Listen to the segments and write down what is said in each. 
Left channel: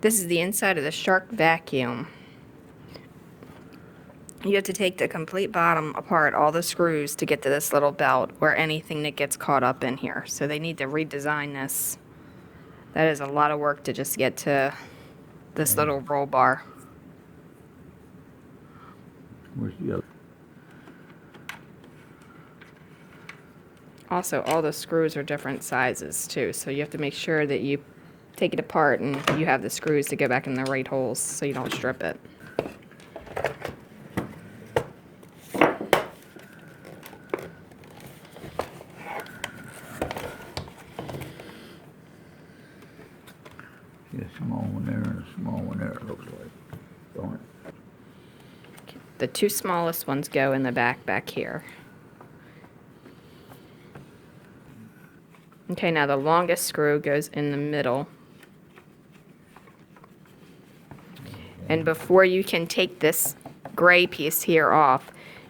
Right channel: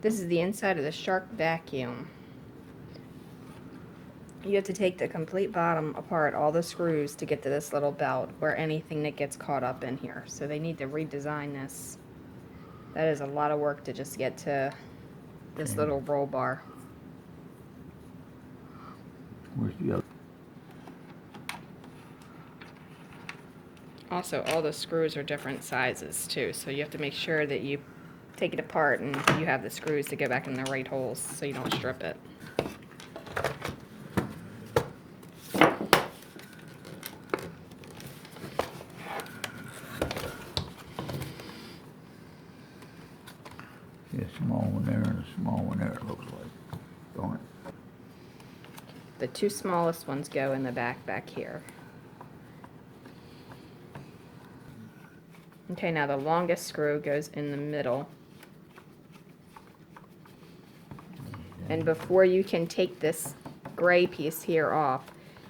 This is the inside of the Shark vacuum. You have to take the complete bottom apart, all the screws, to get to this little belt or anything that gets caught up in here. So they need to redesign this. That is a lot of work to just get to this little roll bar. Where's the other? Also, all the screws are different sizes too, so you have to make sure that you take it apart and you have the screws to go back in the right holes so you don't strip it. See a small one there and a small one there, it looks like. Don't it? The two smallest ones go in the back here. Okay, now the longest screw goes in the middle. And before you can take this gray piece here off,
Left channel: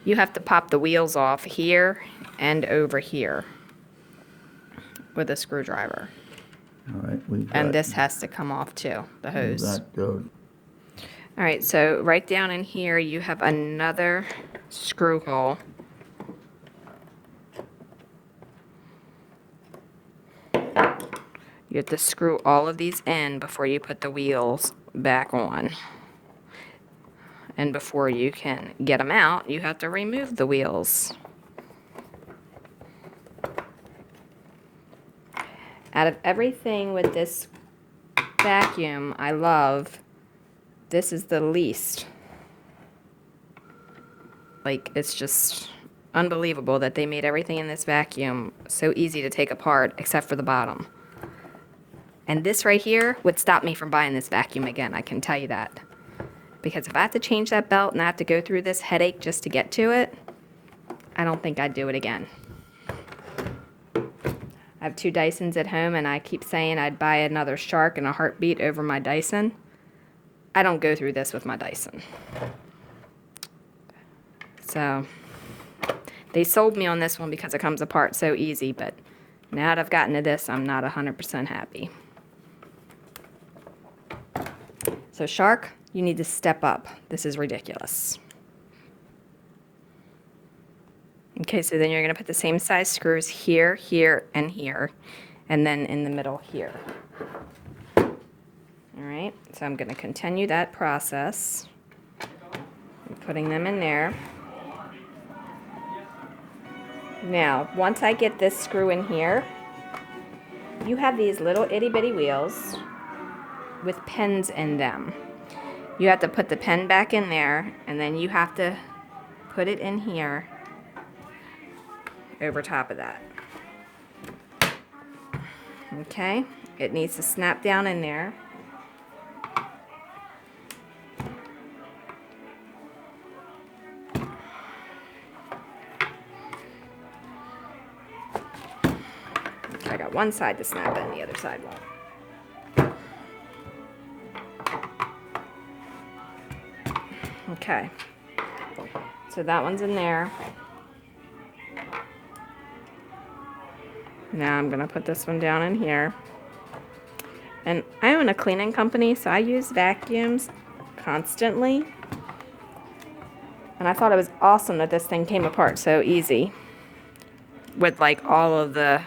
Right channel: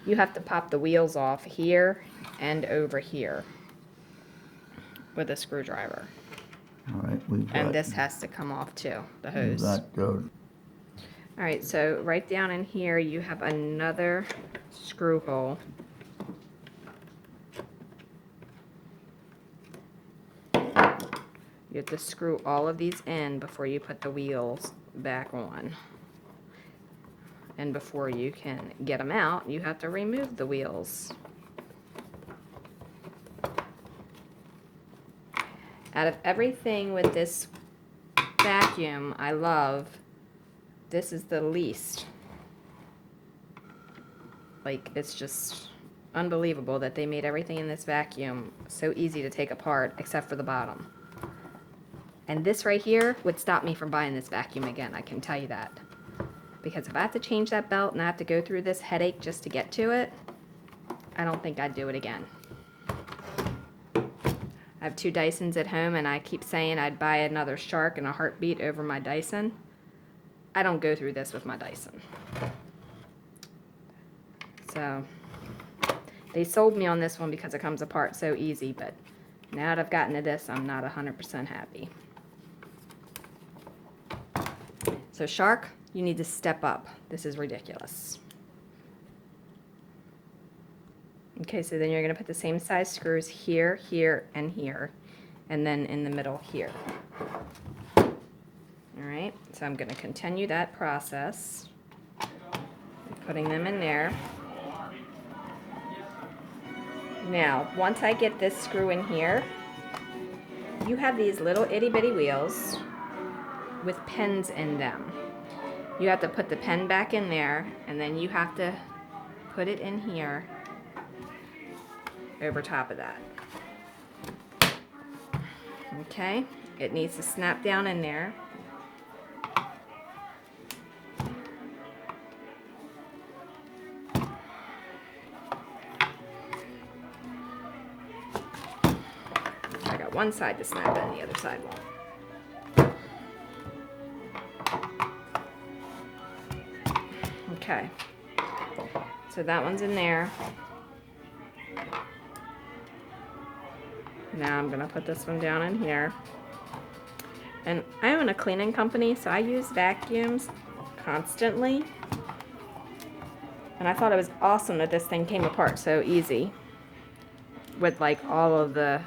you have to pop the wheels off here and over here with a screwdriver. All right, we've got. And this has to come off too, the hose. We've got, All right, so right down in here you have another screw hole. You have to screw all of these in before you put the wheels back on. And before you can get them out, you have to remove the wheels. Out of everything with this vacuum I love, this is the least. Like, it's just unbelievable that they made everything in this vacuum so easy to take apart except for the bottom. And this right here would stop me from buying this vacuum again, I can tell you that. Because if I have to change that belt and I have to go through this headache just to get to it, I don't think I'd do it again. I have two Dysons at home and I keep saying I'd buy another Shark in a heartbeat over my Dyson. I don't go through this with my Dyson. So, they sold me on this one because it comes apart so easy, but now that I've gotten to this, I'm not 100% happy. So Shark, you need to step up. This is ridiculous. Okay, so then you're going to put the same size screws here, here, and here, and then in the middle here. All right, so I'm going to continue that process. I'm putting them in there. Now, once I get this screw in here, you have these little itty-bitty wheels with pins in them. You have to put the pen back in there, and then you have to put it in here over top of that. Okay, it needs to snap down in there. I got one side to snap in, the other side won't. Okay, so that one's in there. Now I'm going to put this one down in here. And I own a cleaning company, so I use vacuums constantly. And I thought it was awesome that this thing came apart so easy. With like all of the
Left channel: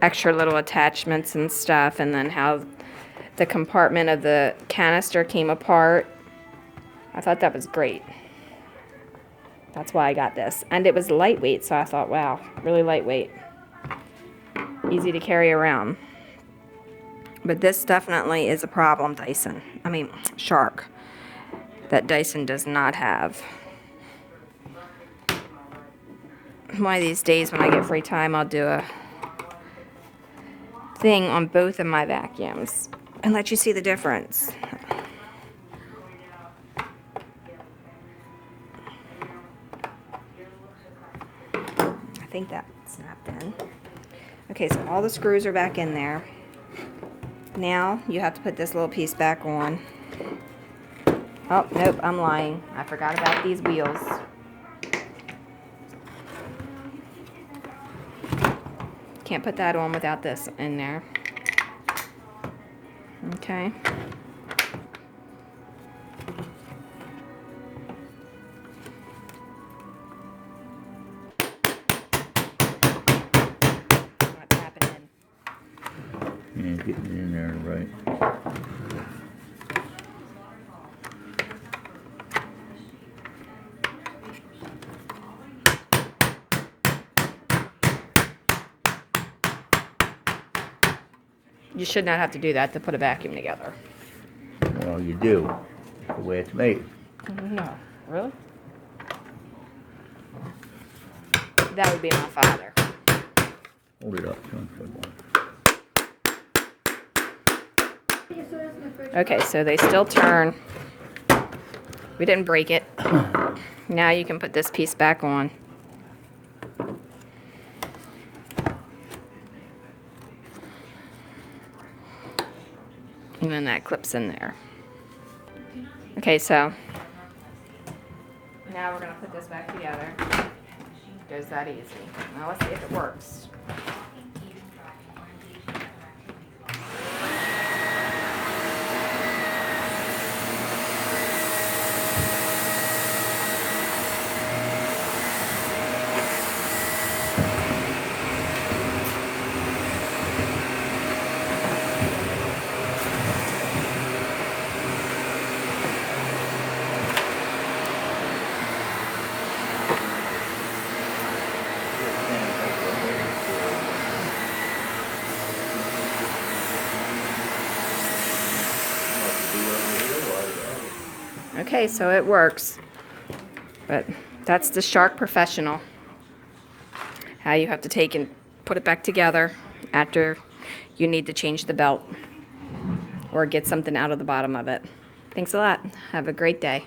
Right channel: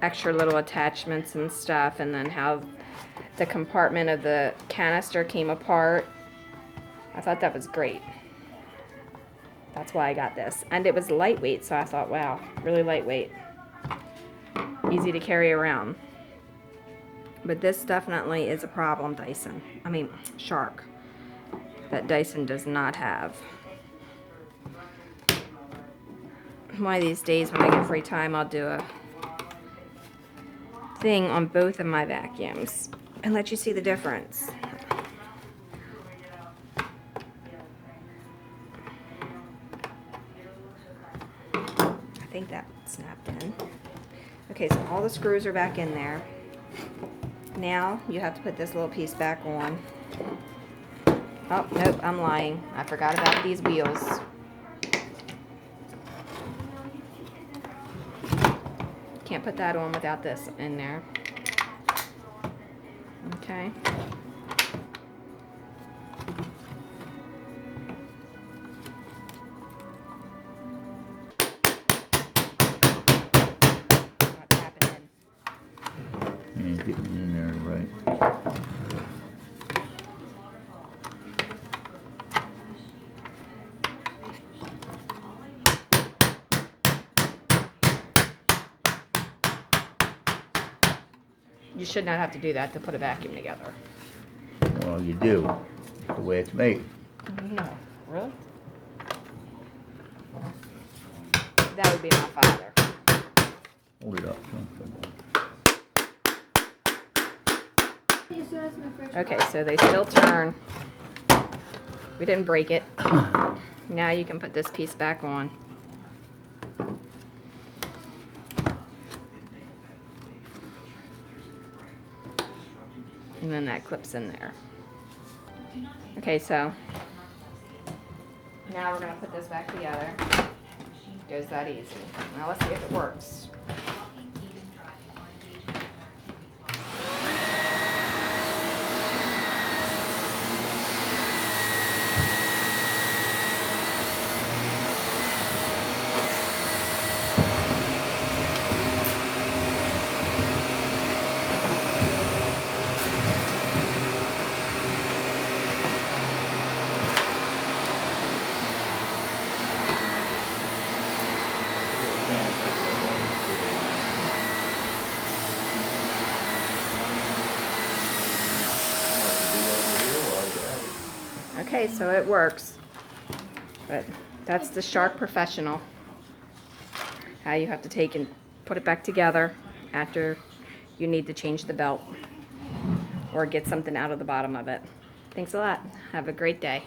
extra little attachments and stuff, and then how the compartment of the canister came apart. I thought that was great. That's why I got this. And it was lightweight, so I thought, wow, really lightweight. Easy to carry around. But this definitely is a problem, Shark, that Dyson does not have. One of these days when I get free time, I'll do a thing on both of my vacuums and let you see the difference. I think that snapped in. Okay, so all the screws are back in there. Now you have to put this little piece back on. Oh, nope, I'm lying. I forgot about these wheels. Can't put that on without this in there. Okay. right. You should not have to do that to put a vacuum together. Well, you do. It's the way it's made. No, really? That would be my father. Hold it up. Okay, so they still turn. We didn't break it. Now you can put this piece back on. And then that clips in there. Okay, so now we're gonna put this back together. It goes that easy. Now let's see if it works. Okay, so it works. But that's the Shark Professional. How you have to take and put it back together after you need to change the belt or get something out of the bottom of it. Thanks a lot. Have a great day.